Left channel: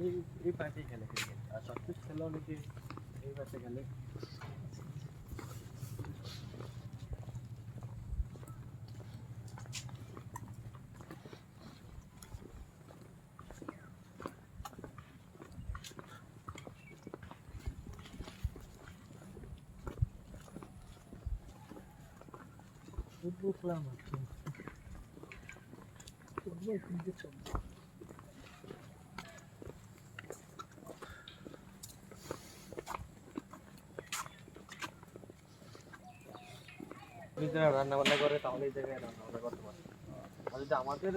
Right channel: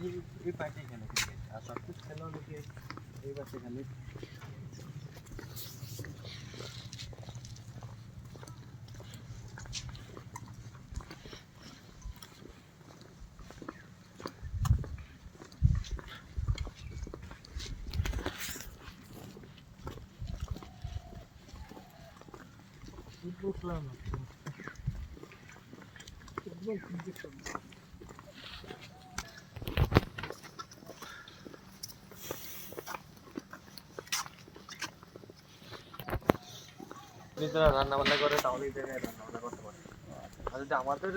এই এই পার্টি খেলে ক্রিকেট, আর সবকিছু খেলে অনেকে এই পাশে খেলে। বুঝলাম যারা রান্না বান্না করে তাহলে এই জায়গায় রান্না বান্না করতে পারে। আর যদি আমাদের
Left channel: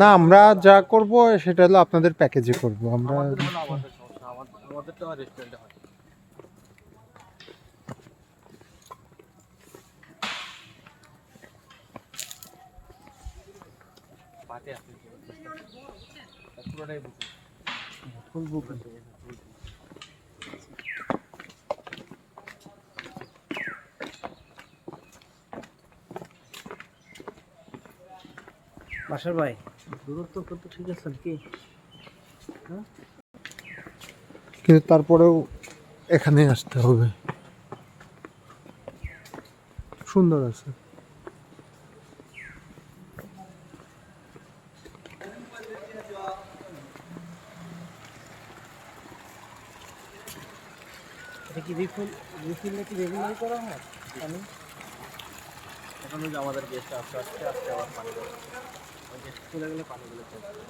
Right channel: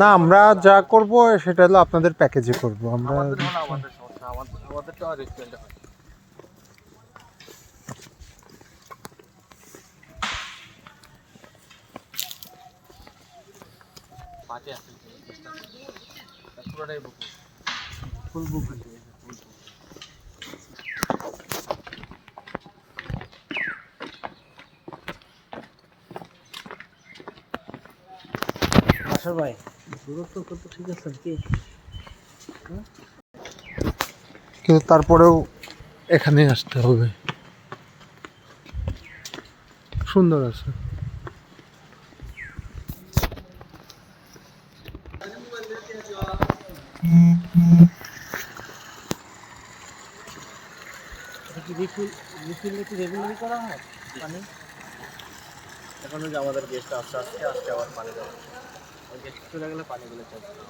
না, আমরা যা করব সেটা হলো আপনাদের প্যাকেজে করব আমরা। আমাদের হলো আমাদের সমস্যা, আমাদের তো আর রেস্টুরেন্টে হয়। পার্টি আছে পুরোটাই বুকিং, ফুল বুকিং। আশার ভাই দূরত্ব কত ঠিক আছে কি? কিন্তু তারপরেও এখানে আসতে হবে, সুন্দর আছে। এটা কি রিফিল কি রেগুলার করা হয় পানি? এখন যে আমাদের গেস্ট আসছে আবার পানি দেবে, ওই গেস্ট চলে গেলে পানিগুলো চলবে।